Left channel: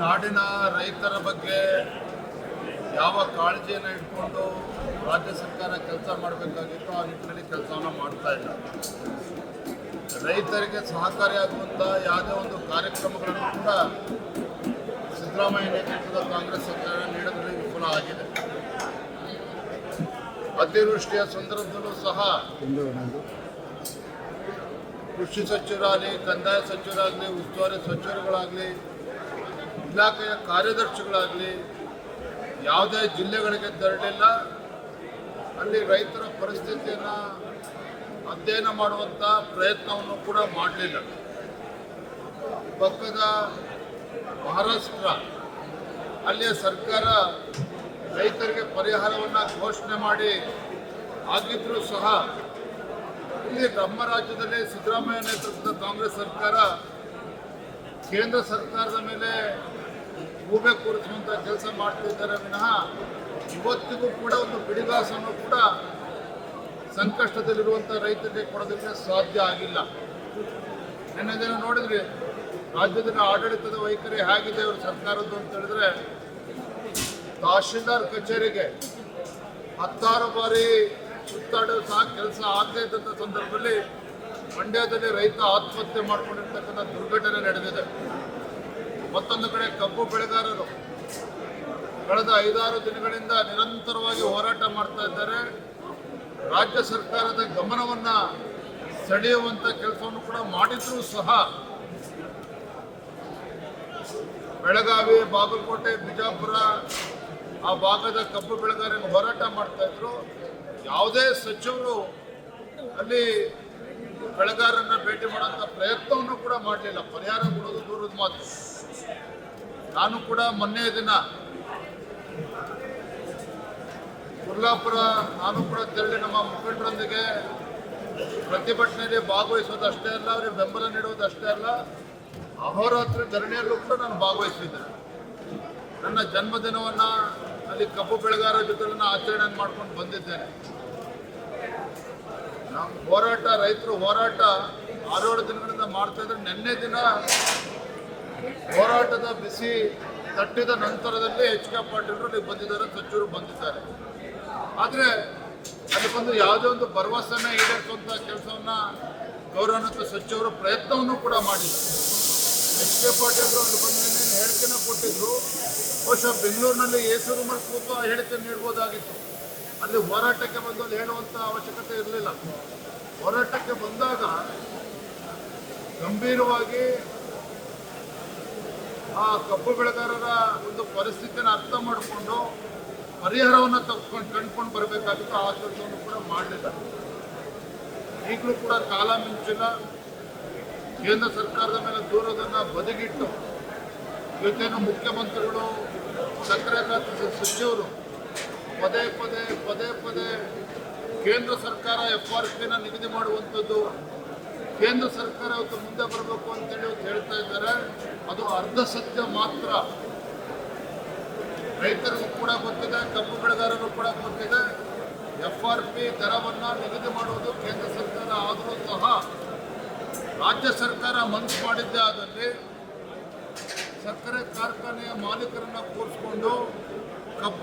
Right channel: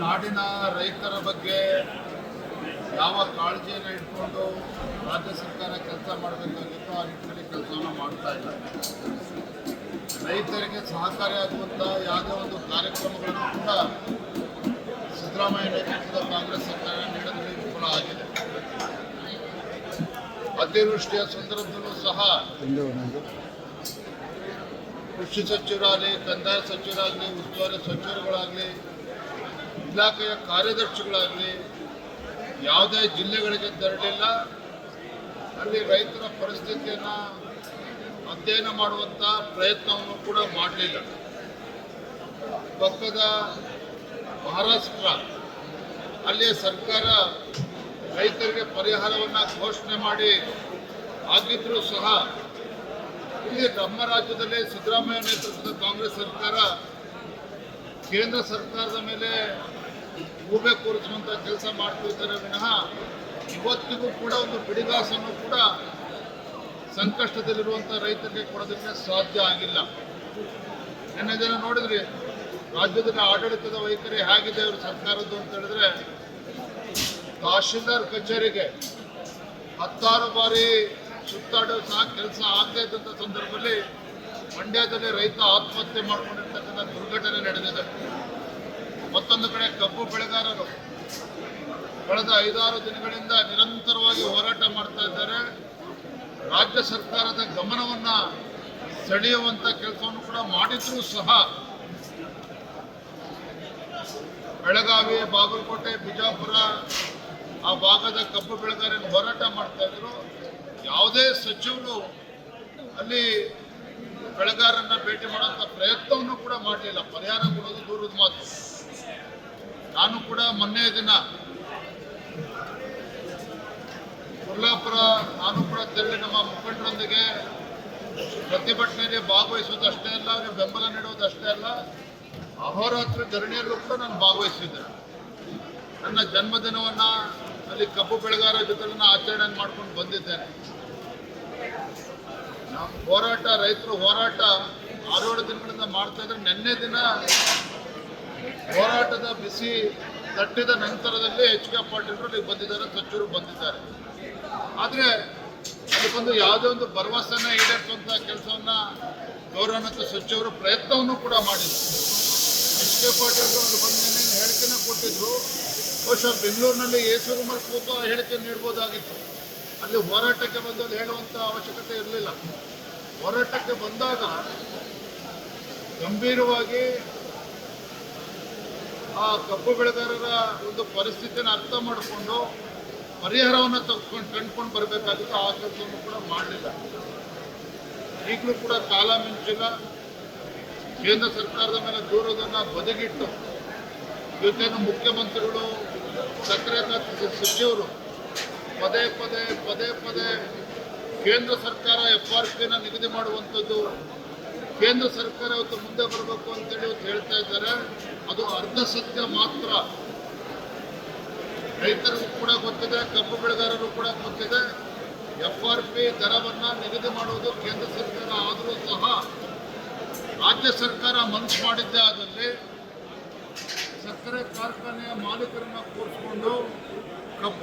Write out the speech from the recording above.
ನಾಡಿನ ರೈತರ ಬಗ್ಗೆ ಯಾವ ಕಾಳಜಿಯನ್ನು ಇಟ್ಕೊಂಡು ರಾಜ್ಯ ಸರ್ಕಾರ ಕೆಲಸ ಮಾಡಬೇಕಾಗಿತ್ತು ಆ ನಿಟ್ಟಿನಲ್ಲಿ ಕೆಲಸವನ್ನು ಮಾಡ್ತಾ ಇಲ್ಲ. ರೈತರಿಗೆ ಸಹಕಾರಿಯಾಗುವಂಥ ಯಾವುದೇ ಒಂದು ಕಾರ್ಯಕ್ರಮಗಳನ್ನು ಕೂಡ ಸಿದ್ದರಾಮಯ್ಯ ನೇತೃತ್ವದ ಕಾಂಗ್ರೆಸ್ ಸರ್ಕಾರ ನೀಡೋದ್ರಲ್ಲಿ ವಿಫಲ ಆಗಿದೆ. ಅತಿವೃಷ್ಟಿಯ ಸಂದರ್ಭದಲ್ಲೂ ಸಹ ಕೃಷಿ ಸಚಿವರಾಗಲಿ, ಕಂದಾಯ ಸಚಿವರಾಗಲಿ, ಉಸ್ತುವಾರಿ ಸಚಿವರುಗಳಾಗಲಿ ಇಲಾಖೆಯ ಕಾರ್ಯದರ್ಶಿಗಳಾಗಲಿ, ಯಾವುದೇ ಜಿಲ್ಲೆಗಳಿಗೆ ತೆರಳಿಲ್ಲ, ಅಲ್ಲಿ ರೈತರ ಪರಿಸ್ಥಿತಿಯನ್ನು ಅಧ್ಯಯನ ಮಾಡುವಂಥ ಪ್ರಯತ್ನವನ್ನು ಕೂಡ ಮಾಡಲಿಲ್ಲ. ಪಕ್ಕದ ಮಹಾರಾಷ್ಟ್ರ, ಅಲ್ಲಿಯ ಸರ್ಕಾರ ರೈತರಿಗೆ ಪರಿಹಾರವನ್ನು ಘೋಷಣೆ ಮಾಡಿ ಆಗಿದ್ದರೂ ಸಹ, ಇಲ್ಲಿ ನಮ್ಮ ರಾಜ್ಯದಲ್ಲಿ ಸಿದ್ದರಾಮಯ್ಯ ನೇತೃತ್ವದ ಕಾಂಗ್ರೆಸ್ ಸರ್ಕಾರ ಕೇಂದ್ರ ಸರ್ಕಾರದ ಮೇಲೆ ಗೂಬೆ ಕೂರಿಸುವಂಥ ಕೆಲಸ ಮಾಡ್ತಿದ್ದಾರೆ ವಿನಃ ಇವತ್ತಿಗೂ ಕೂಡ ಒಂದು ಬಿಡಿಗಾಸನ್ನು ಕೂಡ ಸಂಕಷ್ಟದಲ್ಲಿರುವಂಥ ರೈತರಿಗೆ ಕೊಡೋದಕ್ಕೆ ಸಾಧ್ಯ ಆಗಿಲ್ಲ. ನಿನ್ನೆ ದಿನ ನೋಡಿದ್ರಿ ರಾಜ್ಯದಲ್ಲಿ ಆಡಳಿತದ ವೈಖರಿ ಹೇಗಿದೆ ಅವರು ಸರ್ಕಾರದ್ದು ಅಂತ ಹೇಳಿದ್ರೆ, ತಹಶೀಲ್ದಾರ್ ಕಚೇರಿಗೆ ಹತ್ತಾರು ಬಾರಿ ಸುತ್ತಾಡೋ ಸಹ ಕೆಲಸ ಆಗದೇ ಇದ್ದಂಥ ಸಂದರ್ಭದಲ್ಲಿ ಮಂಡ್ಯದಲ್ಲಿ ರೈತ ಆತ್ಮಹತ್ಯೆ ಮಾಡ್ಕೊಂಡಿರ್ತಕ್ಕಂಥ ದುರ್ಘಟನೆ ನಡೆದಿದೆ. ಮತ್ತೊಂದು ಕಡೆ ಕಬ್ಬು ಬೆಳೆಗಾರರು ಕಳೆದ ಐದಾರು ದಿನಗಳಿಂದ ನಿರಂತರವಾಗಿ ಹೋರಾಟ ಮಾಡ್ತಾ ಇದ್ದಾರೆ. ರಾಜ್ಯ ಸರ್ಕಾರದ ಗಮನವನ್ನ ಸೆಳೆಯುವಂತ ಕೆಲಸವನ್ನು ಕೂಡ ಮಾಡಿದ್ರು ಸಹ ಬೆಳಗಾವಿ, ಬಾಗಲಕೋಟೆ, ಬಿಜಾಪುರ ಆ ಭಾಗದ ಕಬ್ಬು ಬೆಳೆಗಾರರು ಹೋರಾಟ ಮಾಡ್ತಾ ಇದ್ರು. ಯಾವುದೇ ಸಚಿವರು ಅಲ್ಲಿ ಬೆಳೆಗಾರರನ್ನ ಭೇಟಿ ಮಾಡುವಂತ ಪ್ರಯತ್ನವನ್ನು ಕೂಡ ಮಾಡಲಿಲ್ಲ. ಪರಿಹಾರ ಕೊಡೋದು ದೂರದ ಮಾತು. ನಾನು ಕೂಡ ಮೊನ್ನೆ ದಿನ ಕೊಲ್ಲಾಪುರ ನಾನು ಕೂಡ ತೆರಳಿ ನಮ್ಮ ಮುಖಂಡರೊಂದಿಗೆ ಪ್ರತಿಭಟನೆಯಲ್ಲಿ ಭಾಗವಹಿಸುವುದಷ್ಟೇ ಅಲ್ಲ, ಅವರಿಗೆ ಬೆಂಬಲ ನೀಡುವುದಷ್ಟೇ ಅಲ್ಲ, ಅಹೋರಾತ್ರಿ ಧರಣಿಯಲ್ಲೂ ಕೂಡ ನಾನು ಭಾಗವಹಿಸಿದ್ದೆ. ನನ್ನ ಜನ್ಮದಿನವನ್ನ ಅಲ್ಲಿ ಕಬ್ಬು ಬೆಳೆಗಾರರ ಜೊತೆ ಆಚರಣೆ ಮಾಡ್ಕೊಂಡು ಬಂದಿದ್ದೇನೆ. ಹೋರಾಟ, ರೈತರು ಹೋರಾಟ ಆರೇಳು ದಿನಗಳಿಂದ ಮಾಡ್ತಾ ಇದ್ರೆ ನಿನ್ನೆ ದಿನ ಹೋರಾಟದ ಬಿಸಿ ತಟ್ಟಿದ ನಂತರದಲ್ಲಿ ಎಚ್ ಕೆ ಪಾಟೀಲರು ಅಲ್ಲಿಗೆ ಬಂದಿದ್ದಾರೆ ಸಚಿವರು ಬಂದಿದ್ದಾರೆ. ಆದರೆ ಅಲ್ಲಿ ಬಂದು ಯಾವುದೇ ಒಂದು ಭರವಸೆನ ಈಡೇರಿಸುವಂಥ ಕೆಲಸವನ್ನ ಗೌರವಾನ್ವಿತ ಸಚಿವರು ಪ್ರಯತ್ನವನ್ನು ಕೂಡ ಮಾಡಿದ್ದಾರೆ ಎಚ್ ಕೆ ಪಾಟೀಲರು ಅಲ್ಲಿ ಬಂದು ಏನೇನು ಹೇಳಿಕೆನ ಕೊಟ್ಟಿದ್ರು. ಬಹುಶಃ ಬೆಂಗಳೂರಿನಲ್ಲಿ ಏಸೂರು ಮೇಲೆ ಕೂತು ಹೇಳಿಕೆ ನೀಡ್ಬೋದಾಗಿತ್ತು. ಅಲ್ಲಿ ಹೋರಾಟಕ್ಕೆ ಬಂದು ಅಲ್ಲಿ ಹೇಳುವಂಥ ಅವಶ್ಯಕತೆ ಇರಲಿಲ್ಲ. ಹೋರಾಟಕ್ಕೆ ಬಂದಾಗ ಗಂಭೀರವಾಗಿ ಆ ಕಬ್ಬು ಬೆಳೆಗಾರರ ಒಂದು ಪರಿಸ್ಥಿತಿಯನ್ನು ಅರ್ಥ ಮಾಡಿಕೊಂಡು ಪರಿಹಾರವನ್ನು ತಗೊಂಡು ಕಂಡುಕೊಂಡು ಬರಬೇಕಾಗಿತ್ತು, ಆ ಕೆಲಸವನ್ನು ಕೂಡ ಮಾಡಲಿಲ್ಲ. ಈಗಲೂ ಕೂಡ ಕಾಲ ಮಿಂಚಿಲ್ಲ. ಕೇಂದ್ರ ಸರ್ಕಾರದ ಮೇಲೆ ದೂರದನ್ನು ಬದಿಗಿಟ್ಟು ಇವತ್ತೇನು ಮುಖ್ಯಮಂತ್ರಿಗಳು, ಸಕ್ಕರೆ ಖಾತೆ ಸಚಿವರು ಪದೇ ಪದೇ ಪದೇ ಪದೇ ಕೇಂದ್ರ ಸರ್ಕಾರ ಎಫ್ ಆರ್ ಪಿನ ನಿಗದಿ ಮಾಡುವಂಥದ್ದು ಕೇಂದ್ರ ಸರ್ಕಾರ ಇವತ್ತು ಮುಂದೆ ಬರಬೇಕು ಅಂತೇಳಿ ಇವತ್ತು ಹೇಳ್ತಾ ಇದ್ದಾರೆ. ಅದು ಅರ್ಧ ಸತ್ಯ ಮಾತ್ರ. ರೈತರಿಗೂ ಕೂಡ ಗೊತ್ತಿದೆ, ಕಬ್ಬು ಬೆಳೆಗಾರರು ಕೂಡ ಗೊತ್ತಿದೆ. ಎಫ್ ಆರ್ ಪಿ ದರವನ್ನು ನಿಗದಿ ಮಾಡುವುದು ಕೇಂದ್ರ ಸರ್ಕಾರ ಆದರೂ ಸಹ ರಾಜ್ಯ ಸರ್ಕಾರ ಮನಸ್ಸು ಮಾಡಿದ್ದೆ ಆದಲ್ಲಿ ಸಕ್ಕರೆ ಕಾರ್ಖಾನೆಯ ಮಾಲೀಕರನ್ನ ಕೂರಿಸ್ಕೊಂಡು ಕಬ್ಬು